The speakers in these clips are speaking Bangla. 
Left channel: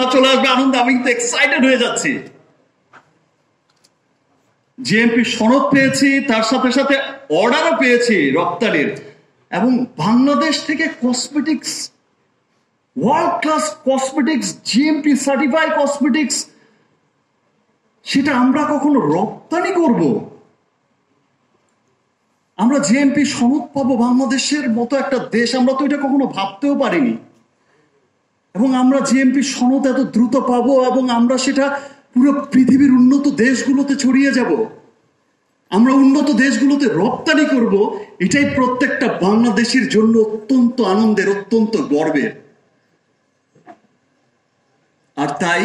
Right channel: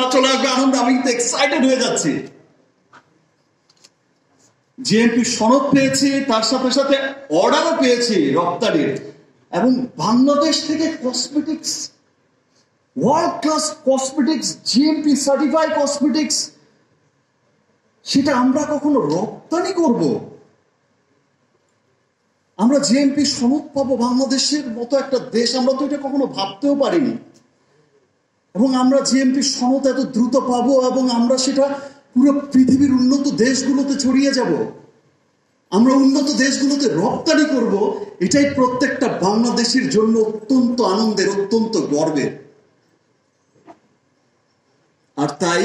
না চলে আসবে আনন্দ, আমি কিন্তু এক্সাইটেড হয়ে যাচ্ছি। জিএমপি সনদ পেয়েছি, তার সাথে সাথে অর্ডারও পেয়েছি রপ্তানির, এবং বাংলাদেশ থেকে cosmetics, world class cosmetics, GMP certify cosmetics, সেটা আমরা কখনো রপ্তানি করব? আমরা জিএমপি সনদ পাবো বাংলাদেশের মতো একটা দেশ, আমরা তো এটা কখনো ভাবতেও পারিনি। এবং আমরা জিএমপি সনদ এত দ্রুত পাবো এবং আমরা সেটা পুরো পৃথিবীর উন্নত দেশগুলোতে ছড়িয়ে যাব, আমরা উন্নত দেশগুলোতে রপ্তানি করব। এটাই প্রত্যেকটা বাংলাদেশীর জন্য অত্যন্ত আনন্দের, অত্যন্ত গর্বের। আর তাই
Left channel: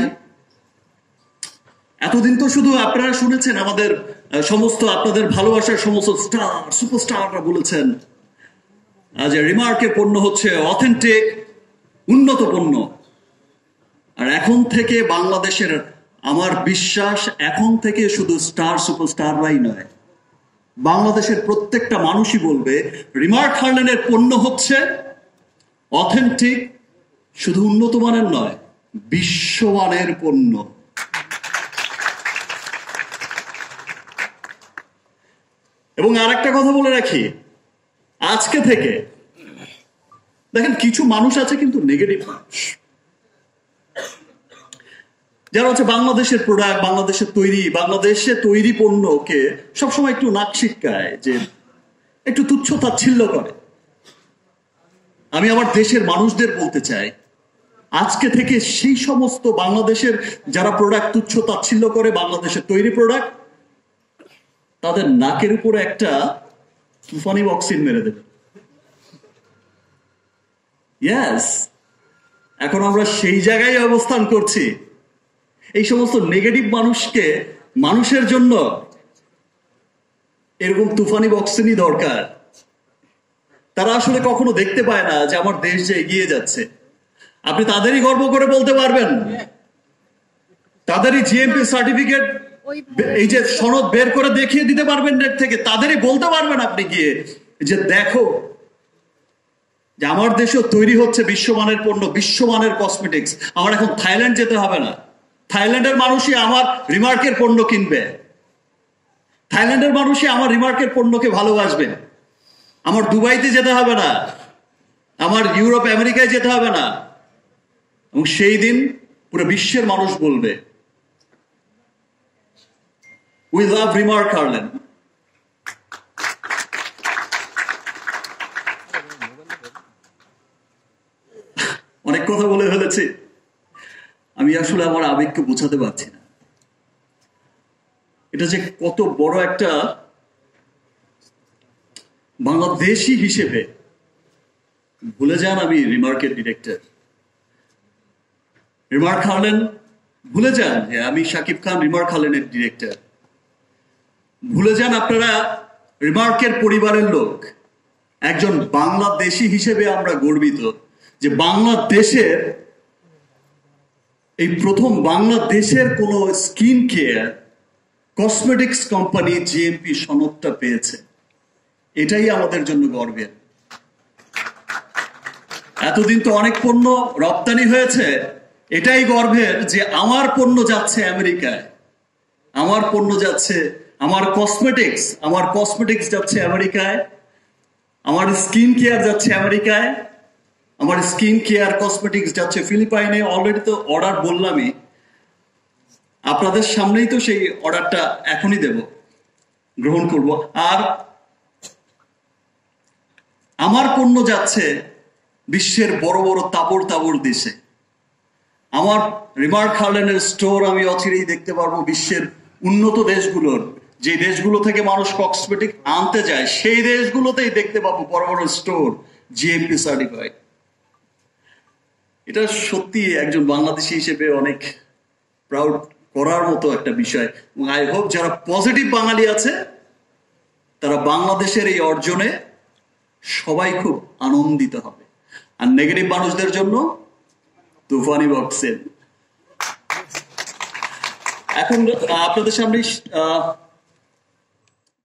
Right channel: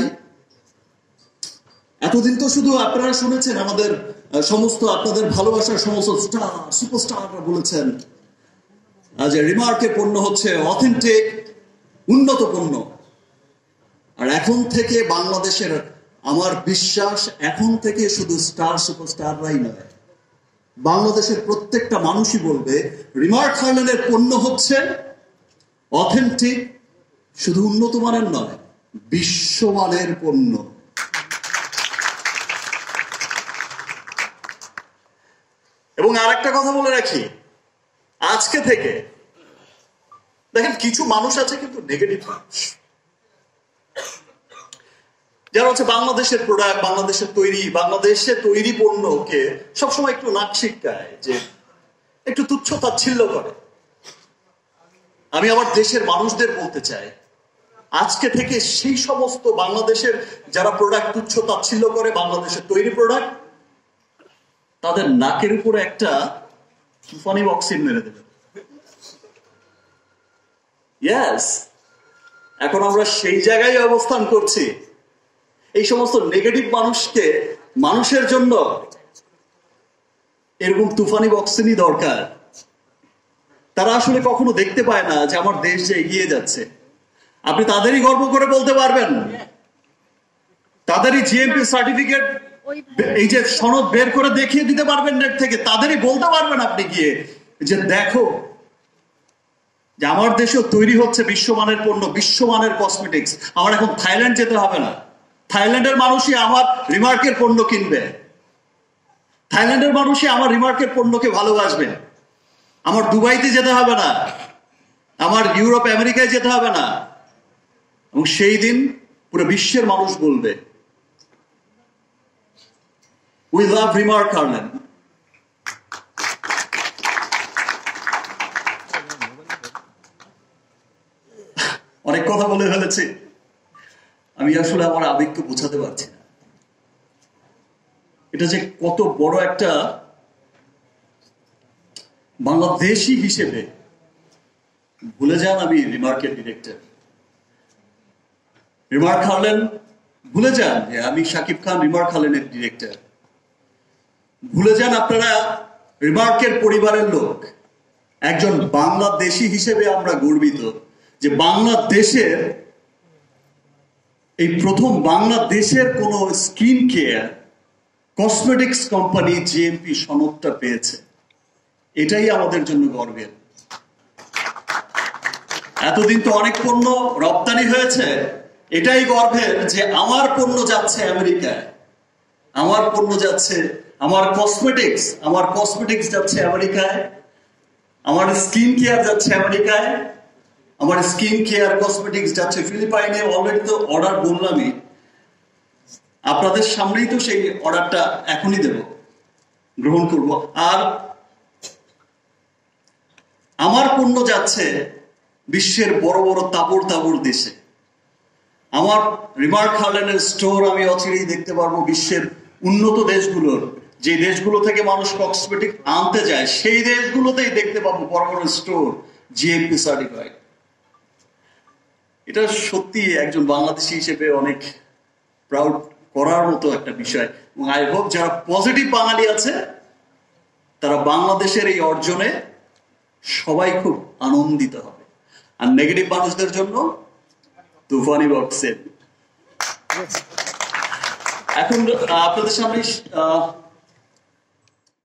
এতদিন তো শুধু আপনারা শুনেছেন আমাদের সমস্ত, আপনাদের ভালোবাসার সমস্ত স্টার, সুপারস্টাররা বলেছেন যে রিমার্কের পণ্য হচ্ছে অথেন্টিক, উন্নত পণ্য। আর এখন থেকে বাংলাদেশের, আমার বিশ্বাস এখন থেকে শুধু স্টার সুপারস্টাররাই নয়, বাংলাদেশের প্রত্যেকটা মানুষই বলবে রিমার্ক হার্লেনের পণ্য হচ্ছে অথেন্টিক, শুধু উন্নত মানের নয়, বিশ্বমানের পণ্য। এবং আর একটা কথা বলে রাখি, আজকে থেকে দেখেন কিছু মানুষ আছে কিন্তু নেগেটিভ মানুষ, যারা হচ্ছে বাংলাদেশের প্রোডাক্ট, বাংলাদেশে তৈরি পণ্যকে সবসময় একটু নাক শিটকায়, যে একটু তুচ্ছ তাচ্ছিল্য করে। আমি আমার দেশের মানুষদের বলতে চাই, আজকে থেকে সেই সমস্ত বাংলাদেশের যারা প্রোডাক্ট তুচ্ছ তাচ্ছিল্য করে, বাংলাদেশের তৈরি প্রোডাক্ট, তাদের নাকের উপরে একটা তুফানি অক্সিজেন মেরে দেবে। ইয়েস, এখন আমরা সেই জায়গায় অবস্থান করছি। এই সমস্ত নেগেটিভ মানুষকে, মানুষের জন্য এরকম তুফানি অক্সিজেনই দরকার। তারা আসলে কখনো দেখতে পায় না যে আমার দেশ যে এগিয়ে যাচ্ছে। আপনি তাদেরই গর্ব করে বলতে পারবেন, তাদেরই জিএমপি সার্টিফিকেট, এই যে সনদ বের করে দেখিয়ে দিতে পারবেন নেট থেকে, তাদেরই বলতে পারবেন আপনি গিয়ে যে দেখো যে আমার দেশেও তৈরি হচ্ছে বিশ্বমানের পণ্য, বিশ্বমানের কসমেটিক্স। আমার এখন থাইল্যান্ড যেতে হবে না, থাইল্যান্ডের মানুষই আমার রিমার্কের পণ্য কিনবে, থাইল্যান্ডের মানুষই আমার রিমার্কের পণ্যকে ভালোবাসবে। আমার দুবাইতে যেতে হবে না, আমার ইউরোপ আমেরিকায় যেতে হবে না, এবং সেই দিন পুরো বিশ্বের মানুষ বলবে উই লাভ রিমার্ক হার্লেন। অনেক কথা বলে ফেলেছি, আমি আসলে আমার আবেগকে বোঝাতে পারছি না। এটা যে কত বড় একটা, বাংলাদেশি হিসেবে ভুলে যান আমি রিমার্কের ডিরেক্টর, রিমার্ক হার্লেন ভুলে যান যে আমি শাকিব খান রিমার্ক হার্লেনের ডিরেক্টর, ভুলে যান আপনারা রিমার্কের পরিবারের লোক। একজন বাংলাদেশি হিসেবে আমরা গর্বিত যে বাংলাদেশের এই প্রথম বাংলাদেশের কোন skin care cosmetics company GMP সনদটা পেয়েছে। এটাই আমাদের জন্য গর্বের। এতদিন তো অনেক পণ্য রপ্তানি হয়েছে, এটাই গর্বের যে আমার পণ্য যাচ্ছে আমেরিকায়, আমার পণ্য যাচ্ছে, আমার কসমেটিক্স যাচ্ছে আমেরিকায়, আমার স্কিন কেয়ার যাচ্ছে আমেরিকায়, আমার স্কিন কেয়ার কসমেটিক্স যাচ্ছে ফিলিপাইনে। অলরেডি তো অর্ডার বললামই, আপনাদের সামনেই তো সেই অর্ডারটা এখনই দেব, গ্রহণ করব। আর আমার পণ্য যাচ্ছে বিশ্বের বড় বড় তাবড় দেশে। আমার রিমার্ক হার্লেনের স্টোর আমি অচিরেই দেখতে পারবো বিশ্বের উন্নত দেশগুলোর, যে দেশগুলো থেকে মানুষ কসমেটিক আনতে যায়, সেই দেশগুলোতেই দেখতে পাবো বড় বড় স্টোর জিএমপি সার্টিফাইড। এটা সত্যি একজন বাংলাদেশি হিসেবে অনেক প্রাউড করার মতো একটা বিষয়। এবং আই হোপ যারা পজিটিভ বাঙালি আছে তারা বাংলাদেশের এই অর্জনে সবাই খুব আনন্দিত হবে। আর নেগেটিভ মানুষদের জন্য তুফানি বক্সের। এখন আপনাদের সামনে